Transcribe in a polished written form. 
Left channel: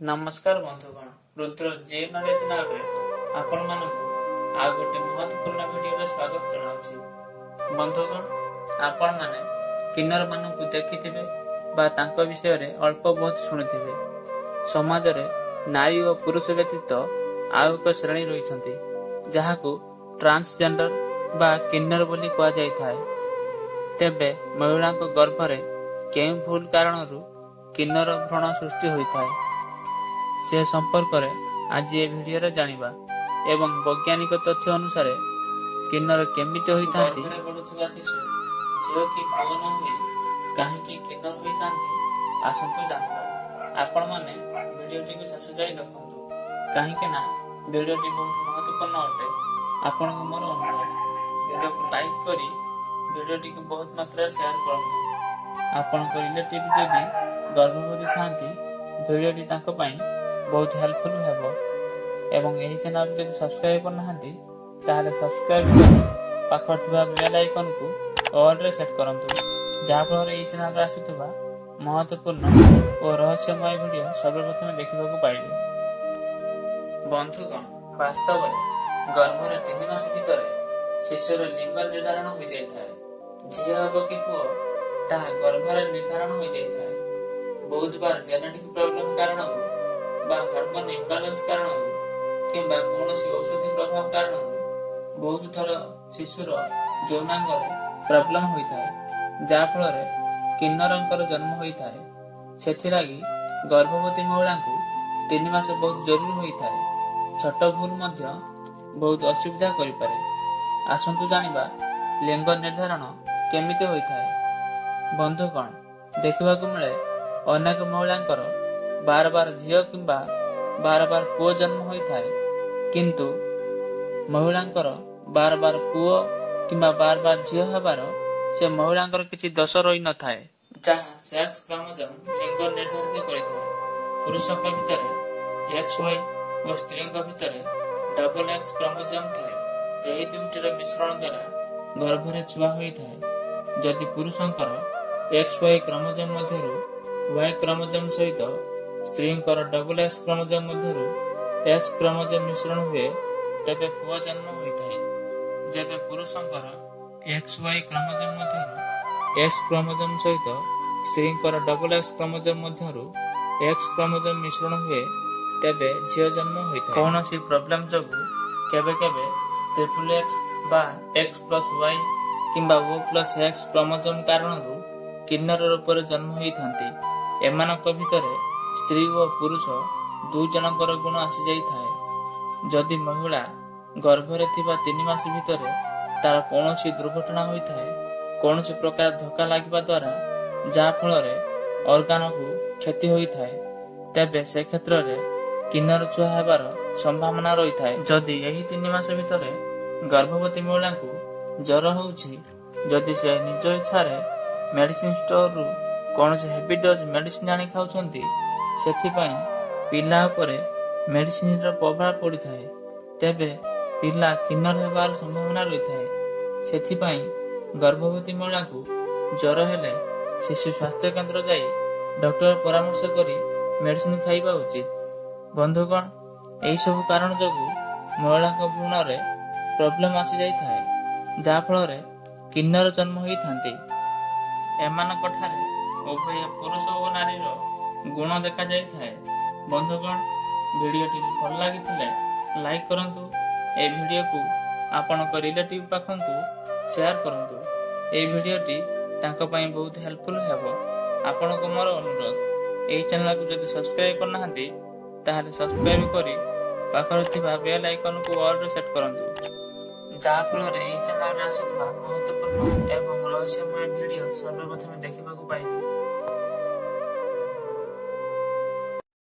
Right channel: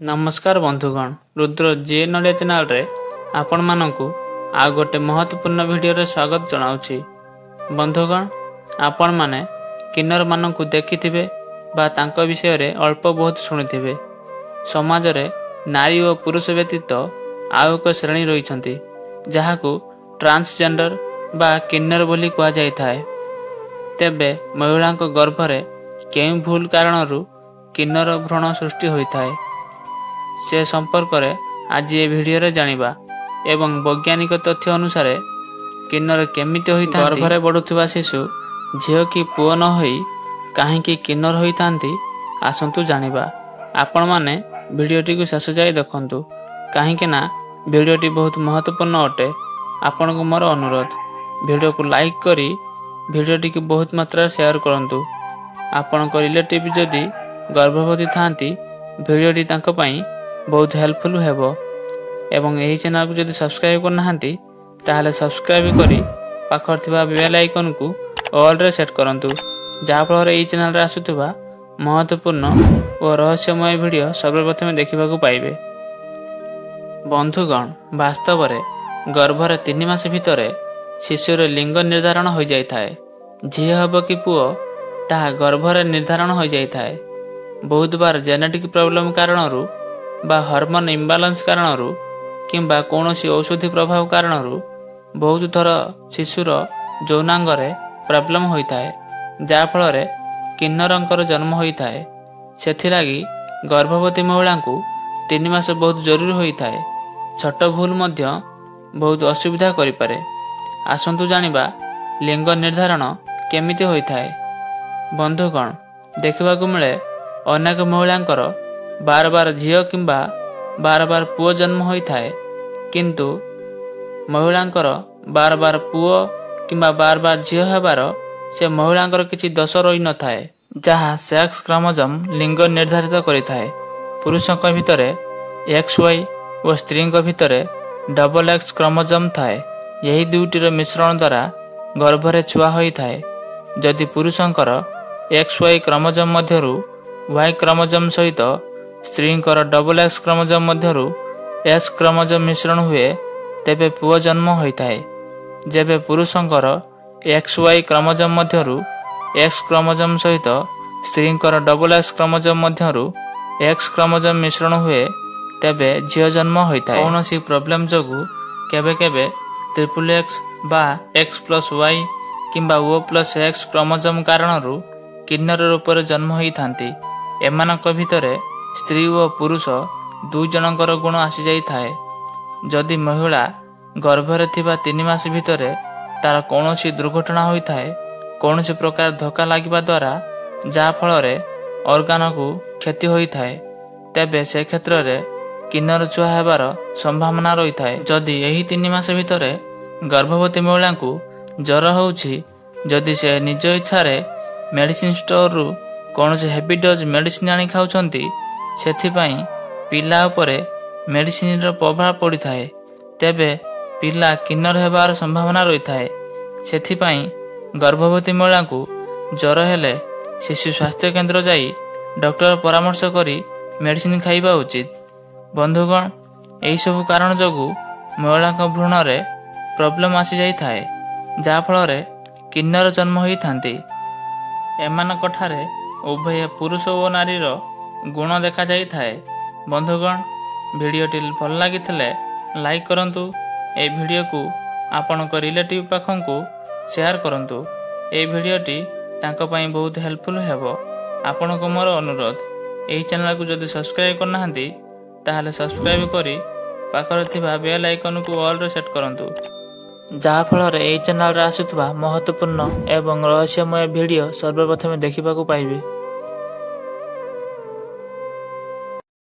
नमस्कार बंधुगण, रुद्र जे नड़िया चैनल रे आपण मानकु आ गोटे महत्वपूर्ण वीडियो रे स्वागत जनाउछि। बंधुगण, आपण माने किन्नर मानकु देखिथिबे बा तांको विषय रे अल्प बहुत शुणिथिबे। समाज रे नारी और पुरुष व्यतीत आउ एक श्रेणी रहिछंती जहाकु ट्रांसजेंडर बा किन्नर बोली कहा जाय थाए। तेबे महिलांको गर्भ रे केउ भूल कारणरू किन्नर भ्रूण सृष्टि होई थाए से संपर्क रे आज ये वीडियो रे जानिबा एवं वैज्ञानिक तथ्य अनुसार किन्नर केमिति होई थांती। गर्भ रे बढुथिबा शिशु झियो की पुओ न होई काहेकि किन्नर होई थांती आसंतु जानिबा। आपण माने वीडियोटी को शेष जाय देखंतु काहेकि ना वीडियोटी बहुत महत्वपूर्ण अटे। आपण को मोर अनुरोध वीडियो को लाइक करी वीडियोटी को बहुत मात्रा शेयर करंतु। आपण को रिलेटिव जदी गर्भवती थांती वीडियोटी तांको पई बहुत हेल्पफुल हेबो एवं एही चैनल को जदी सब्सक्राइब करना हांती ताहले सब्सक्राइब करी पाखर थिबा बेल आइकन को ऑल रे सेट करंतु जा फल रे एही चैनल रे आसुथिबा महत्वपूर्ण और रहस्यमय वीडियो सर्वप्रथम देखिबा को पाइबे। बंधुगण, वास्तव रे गर्भ रे 3 मास भितरे शिशुर लिंग निर्धारण हो जाय थाए। झियो हबो कि पुओ ताहा गर्भ रे निर्धारण हो जाय थाए। बहुत बार जेनेटिक प्रॉब्लम कारणरू बा हार्मोन इम्बालांस कारणरू किंबा कोनोसी औषधि प्रभाव कारणरू बहुत थर शिशुर यौनांग रे प्रॉब्लम होई थाए जा फल रे किन्नरंकर जन्म होई थाए। सेथि लागि गर्भवती महिला को 3 मास बहुत जरूरी होई थाए। छोट भूल मध्य बहुत असुविधा करि पारे। आसंतु जानिबा लिंग निर्धारण केमिति होई थाए। बंधुगण, देखिबा को मिले अनेक महिलांकर बार बार झियो किंबा बार बार पुओ जन्म होई थाए किंतु महिलांकर बार बार पुओ किंबा बार बार झियो हेबार से महिलांकर किछि दोष रही न थाए जहा सेक्स क्रोमोसोम लिंग निर्धारित करि थाए। पुरुषक भितरे XY और स्त्रीक भितरे XX क्रोमोसोम थाए। यही दुईटीर मिश्रण द्वारा गर्भ रे छुआ होई थाए। जदि पुरुषंकर XY क्रोमोसोम मध्यरु Y क्रोमोसोम सहित स्त्रींकर XX क्रोमोसोम मध्यरु S क्रोमोसोम मिश्रण हुए तेबे पुओ जन्म होई थाए। जेबे पुरुषंकर XY क्रोमोसोम मध्यरु X क्रोमोसोम सहित स्त्रींकर XX क्रोमोसोम मध्यरु X क्रोमोसोम मिश्रण हुए तेबे झियो जन्म होई थाए। कोनोसी प्रॉब्लम जगु केबे केबे XX बा X+Y किंबा O+X क्रोमोसोम कारणरू किन्नर रूप रे जन्म होई थांती। एमानक भितरे स्त्री और पुरुष दुई जनकर गुण आसी जाई थाए। जदि महिला गर्भ रे थिबा 3 मास भितरे तार कोनोसी दुर्घटना होई थाए, कोनोसी प्रकार धक्का लागिबा द्वारा जा फल रे ऑर्गन को क्षति होई थाए तेबे से क्षेत्र रे किन्नर छुआ हेबार संभावना रही थाए। जदि एही 3 मास भितरे गर्भवती महिला को ज्वर होउछि, जदि से निज इच्छा रे मेडिसिन स्टोर रु कोनोसी हेवी डोज मेडिसिन आनी खाउछंती सेथिपाई पिला उपरे मेडिसिन रो प्रभाव पड़ी थाए तेबे पिला किन्नर हेबार संभावना रही थाए। सेथिपाई गर्भवती महिला को ज्वर हेले शिशु स्वास्थ्य केंद्र जाई डॉक्टर परामर्श करी मेडिसिन खाइबा उचित। बंधुगण, एही सब कारण जगु महिला भ्रूण रे प्रॉब्लम आसी जाई थाए जा फल रे किन्नर जन्म होई थांती। एमानक ठारे उभय पुरुष और नारीर गुण देखा जाई थाए। बंधुगण, वीडियोटी भल लागिथिले लाइक करंतु। ए वीडियो को आपण को रिलेटिव पाखन को शेयर करंतु। ए वीडियोटी तांको पई बहुत हेल्पफुल हेबो। आपण को मोर अनुरोध एही चैनल को जदि सब्सक्राइब करना हांती ताहले सब्सक्राइब करी पाखर थिबा बेल आइकन को ऑल रे सेट करंतु जहा फल रे एही चैनल रे आसुथबा महत्वपूर्ण एवं रहस्यमय वीडियो सर्वप्रथम देखिबा को पाइबे।